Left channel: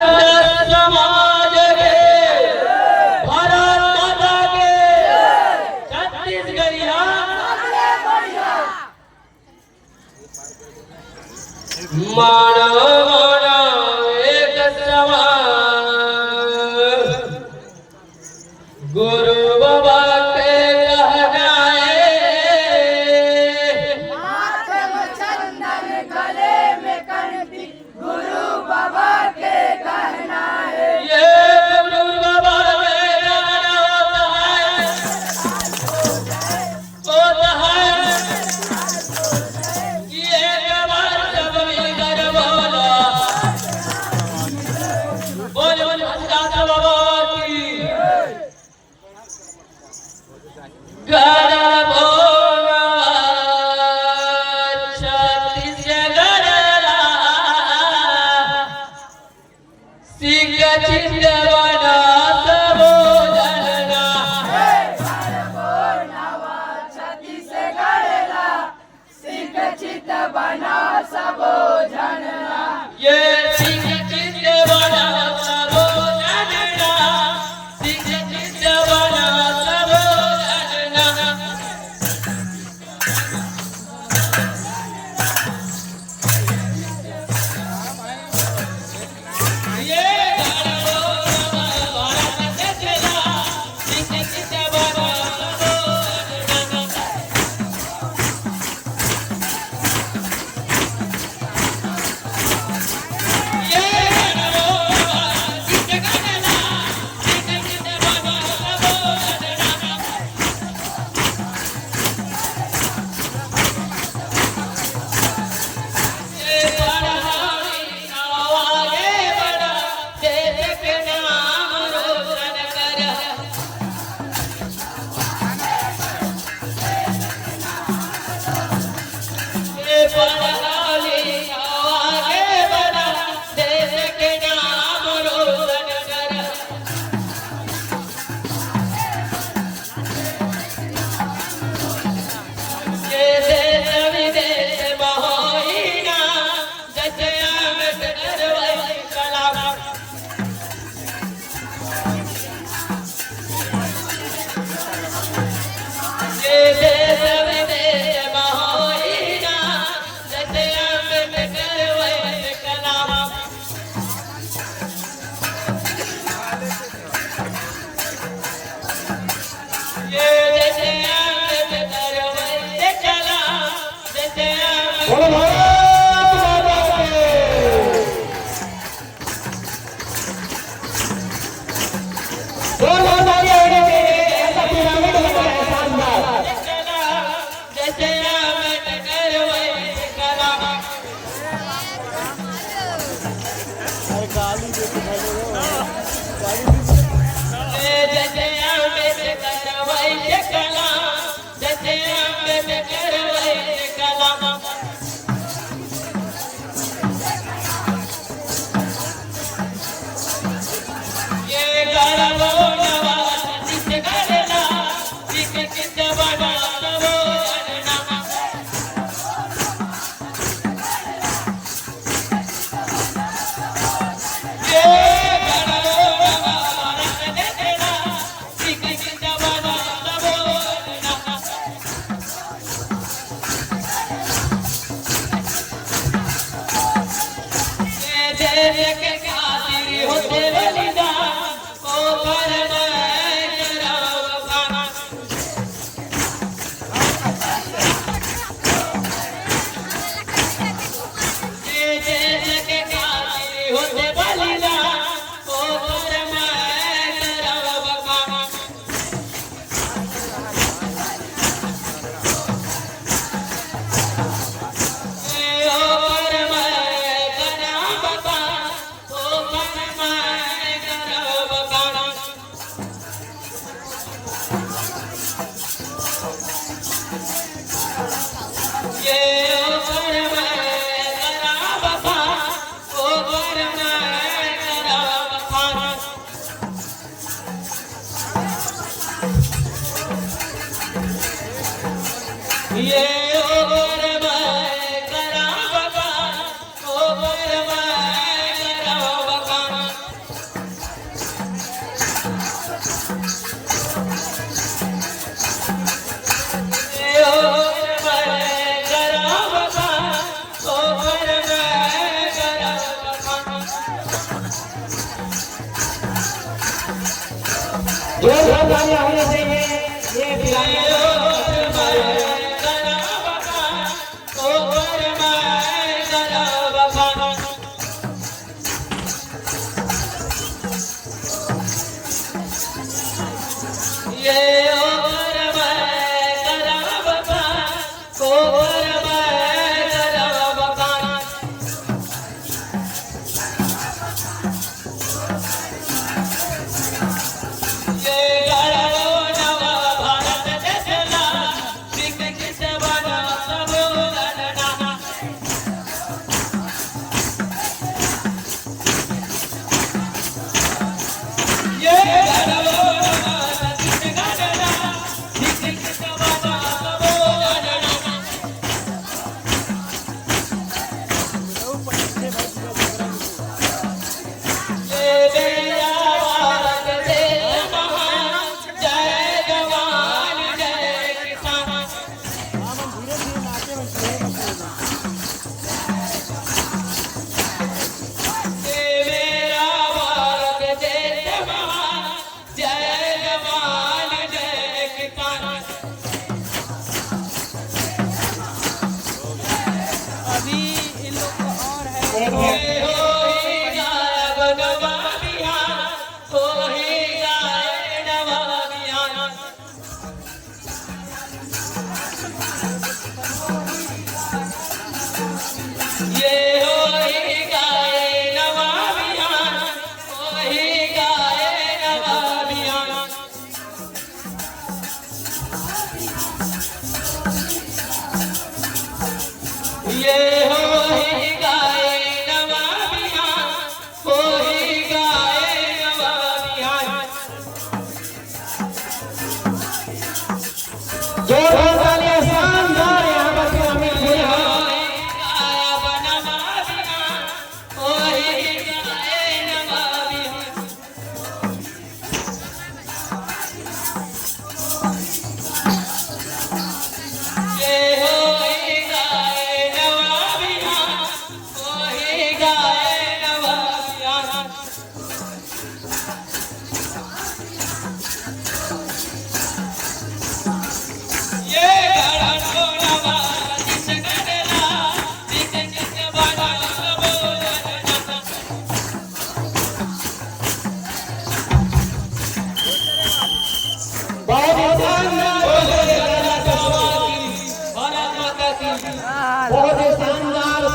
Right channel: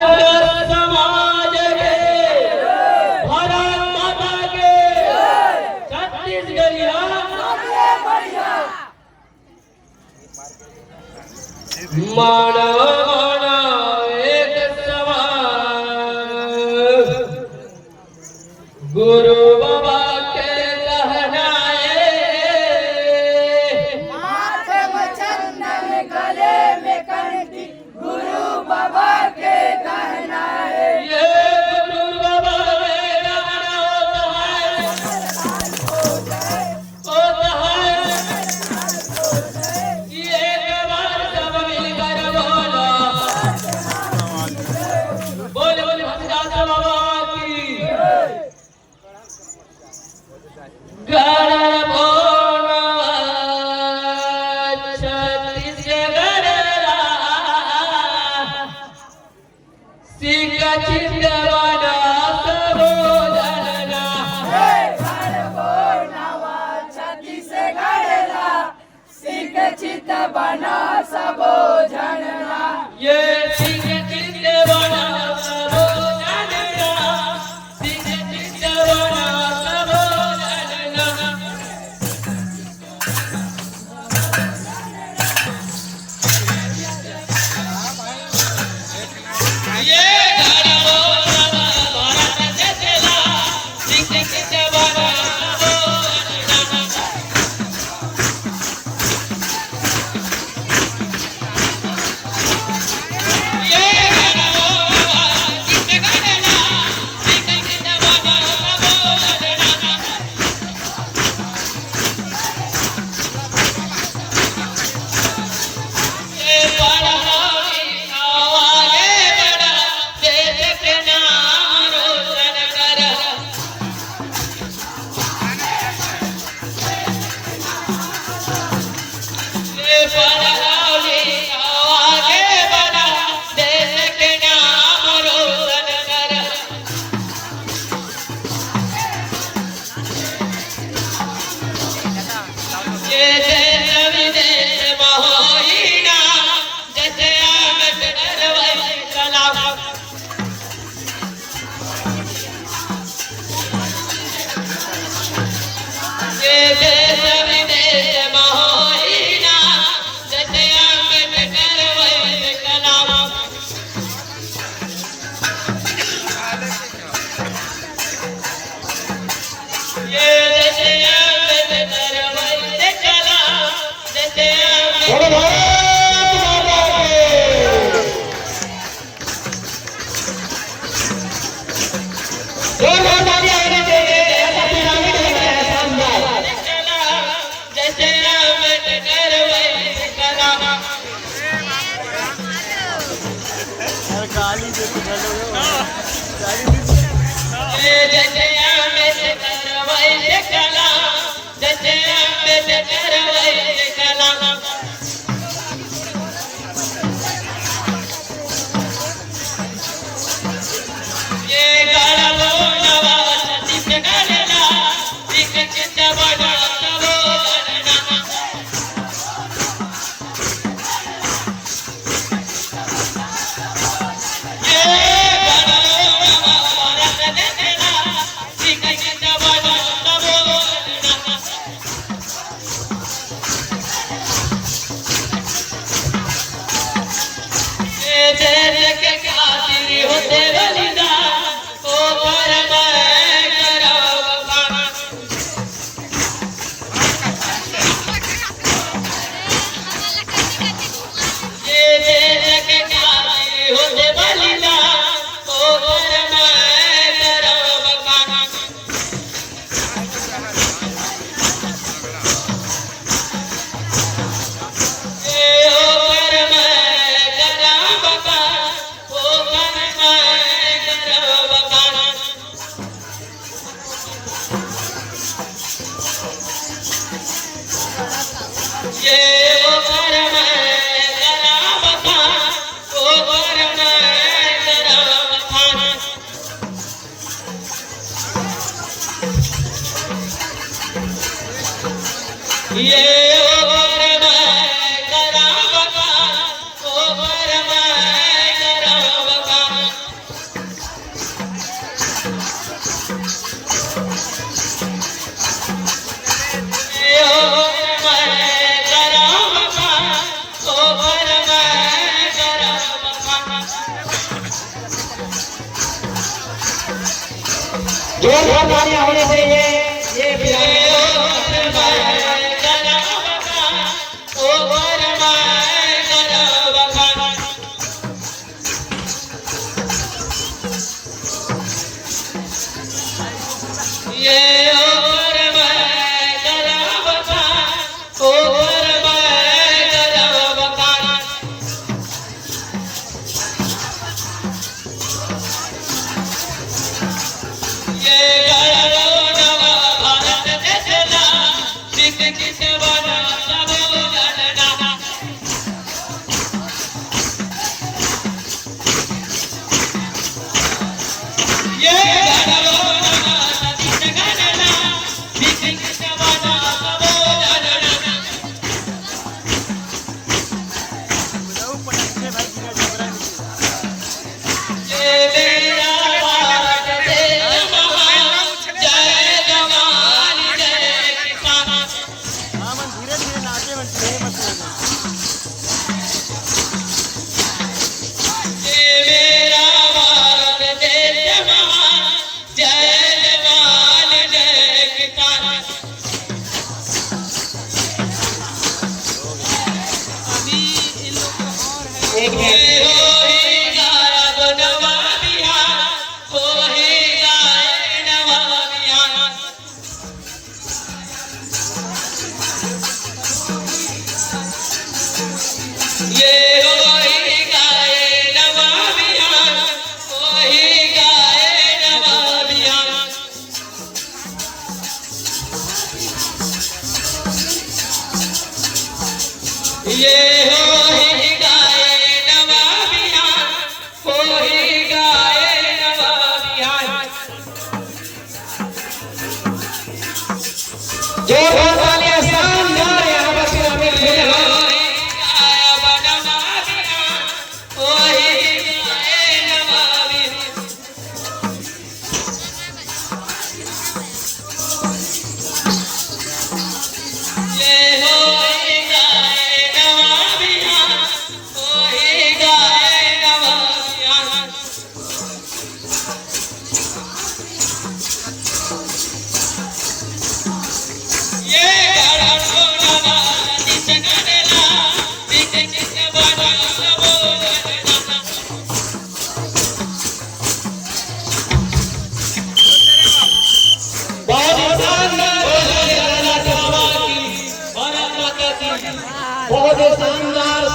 समाज के भारत माता के छत्तीसगढ़िया मारा मारा एक सवाल गुरु बाबा के कहना माथे में चंदन गले में कंठी गुरु बाबा के कहना है ये गुरु बाबा में कहना होता है कि एक बार जब मिलकर बोला बोल बोल हरिदास बाबा की घर छत्तीसगढ़ सिंह चिंदवाना सबो जनना छत्तीसगढ़ सिंह चित बना सबो झड़ना ये सिंह चिंदवाना सबो जनना सिंह चिंदवाना सबो जनना ये गाना भारत देशला सिंह चिंदवाना सबो जनना ये गाना सिंह चिंदवाना सिंह चिंदवाना सबो जनना ये पढ़ाई आगे बढ़ा देश के नाम रोशन कर ये पढ़ाई आगे बढ़ा देश के नाम रोशन कर ये देश विदेश बहोईना जैसे अम्बेडकर वही कलाम ये देश विदेश बहोईना जैसे अम्बेडकर वही कलाम ये जैसे अम्बेडकर वही कलाम जैसे अम्बेडकर जैसे अम्बेडकर वही कलाम गाली देते हेलो गाली जैसे अम्बेडकर वही कलाम जैसे अम्बेडकर वही कलाम ये गाना बोलवा छत्तीसगढ़ ना सिंह चिंदवाना सबो जनना ये गाना बोलवा भारत देशला सिंह चिंदवाना सबो जनना ये देश के खातिर होते बलिदान ओ कर मैं कराओ खाना ये देश के खातिर होते बलिदान ओ कर मैं कराओ खाना ये ओ कर मैं कराओ खाना ओ कर मैं कराओ खाना ये ओ कर मैं कराओ खाना ओ कर मैं कराओ खाना ये ओ कर मैं कराओ खाना ओ कर मैं कराओ खाना जोरदार तालियां होनी चाहिए ये बिराने बहुत शानदार